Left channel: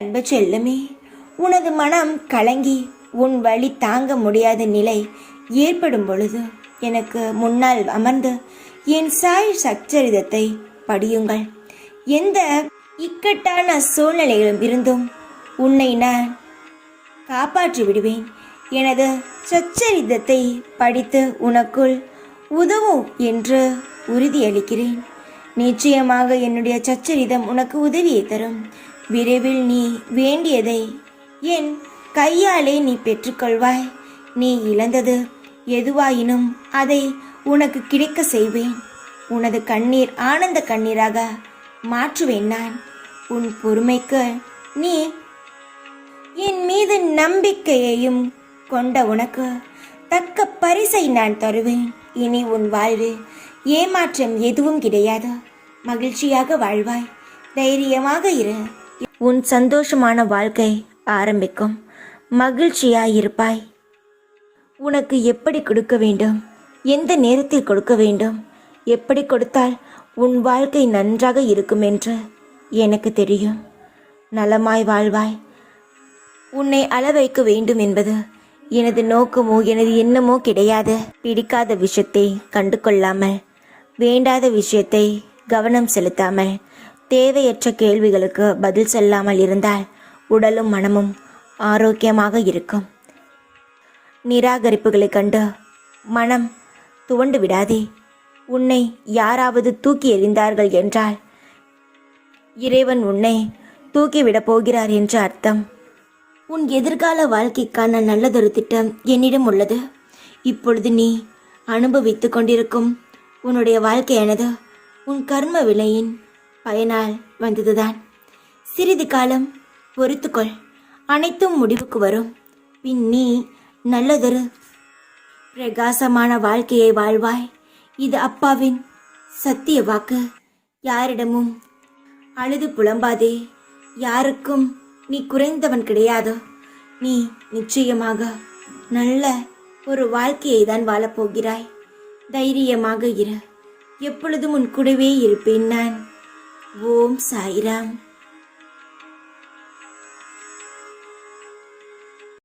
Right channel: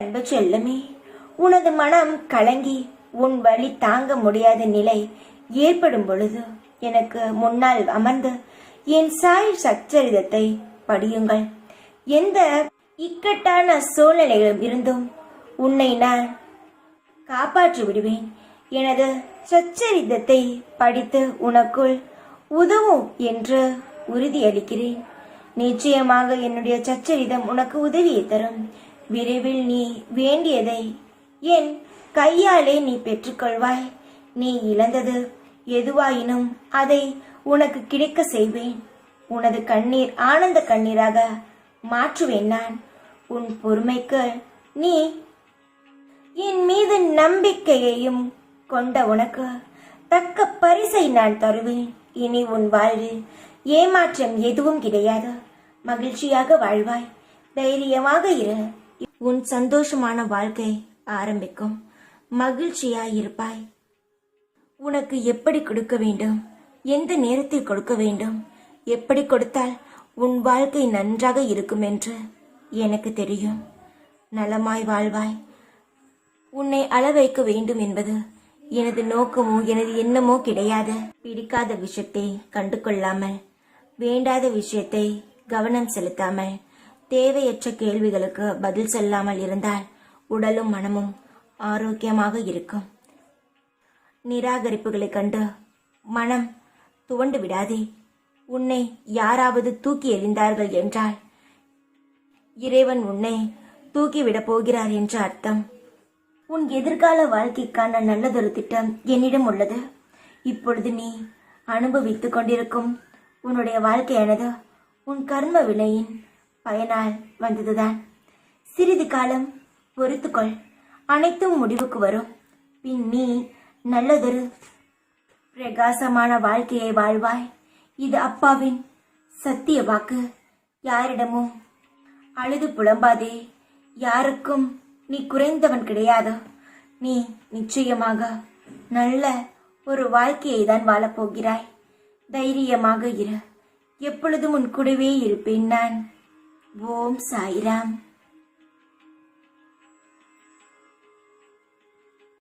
அன்பு செல்லமே, உனது மனம் கலங்கி உன் வழி தாங்க முடியாத நிலை ஏற்படும் பொழுது எனக்கு முன்னால் அமர்ந்து என் சாய் சச்சரிதத்தை படியுங்கள். எந்த இக்கட்டான சூழ்நிலையிலும் இருந்தும் உன்னை நான் காப்பாற்றி விடுவேன். எனது சச்சரிதத்தை படித்து உனக்குள் உதவும் என்று உறுதியளிக்கிறேன். நிச்சயமாக என்னுடைய சச்சரிதம் உனக்கு உதவியை தரும். விரைவில் நீ வேண்டியதை என் கையாலே நீ பெற்றுக்கொள்வாய். நீ இழந்தது எதுவாயினும் அதை உனக்கு கிடைக்க செய்வேன். உனது கண்ணீர் ஆனந்த கண்ணீராக மாற்றுவேன் நான். உன் பொறுமைக்கு நீ என் மீது நம்பிக்கையையும் கொண்ட உனக்கு தக்க பரிசை நான் தருவேன். இனி உன் வாழ்வில் ஏமாற்றம் எதுவும் கிடையாது. மகிழ்ச்சியாக வாழ்வாய். தைரியமாக இரு. உன் சந்தோஷமான வாழ்க்கை ஆரம்பிக்கும். மகிழ்ச்சியாயிருப்பாய். உனக்கு எப்படி கொடுக்க வேண்டும், எந்த நேரத்தில் கொடுக்க வேண்டும், எப்படி கொடுத்தால் உன் வாழ்க்கை நன்றாக இருக்கும் என்று எனக்கு தெரியும். நலமாய் வாழ்வாய். உன்னை அள வைக்க வேண்டும் என்பது எனது நோக்கமோ எனது எண்ணமோ கிடையாது. பிடிக்காத விஷயத்தை கண்டு கொள்ளாமல், வேண்டாத விஷயத்தை கவனம் செலுத்தாமல், தேவையற்ற கேள்விகளுக்கு பதில் சொல்லாமல் இருந்தால் உடலும் மனமும் ஆரோக்கியமாக இருக்கும். நிராகரிப்புகளை கண்டு மனம் துவண்டு விடாதே. உன்னை யாராவது தூக்கி எறிந்தார்கள் என்றால் இறைவன் உன்னை தூக்கிவிடப் போகிறார் என்று அர்த்தம். உன் எதிர்கால வாழ்க்கைக்கான நல்லதொரு திட்டம் என்னிடம் உள்ளது. இப்பொழுது நீ அனுபவித்து கொண்டிருக்கும் உன்னுடைய வாழ்க்கையானது உன் கர்ம வினையின் பயனால் வந்ததுதான். சிறிது காலம் பொறுத்துக்கொள். அனைத்தும் முடிவுக்கு வரும். பின் நீ நல்லதொரு பிரகாசமான வாழ்க்கையை வாழ்வாய். இது அப்பாவின் சத்திய வாக்கு. யாரிடமும் அழுது புலம்பாதே. யாருக்கும் நீ குறைந்தவன் கிடையாது. நீ நிச்சயமாக நல்ல ஒரு வாழ்க்கையை தான் வாழப்போகிறாய். தைரியமாக இரு. எப்பொழுதும் உன் கூடவே இருப்பேன் நான். ஓம் சாய்ராம்.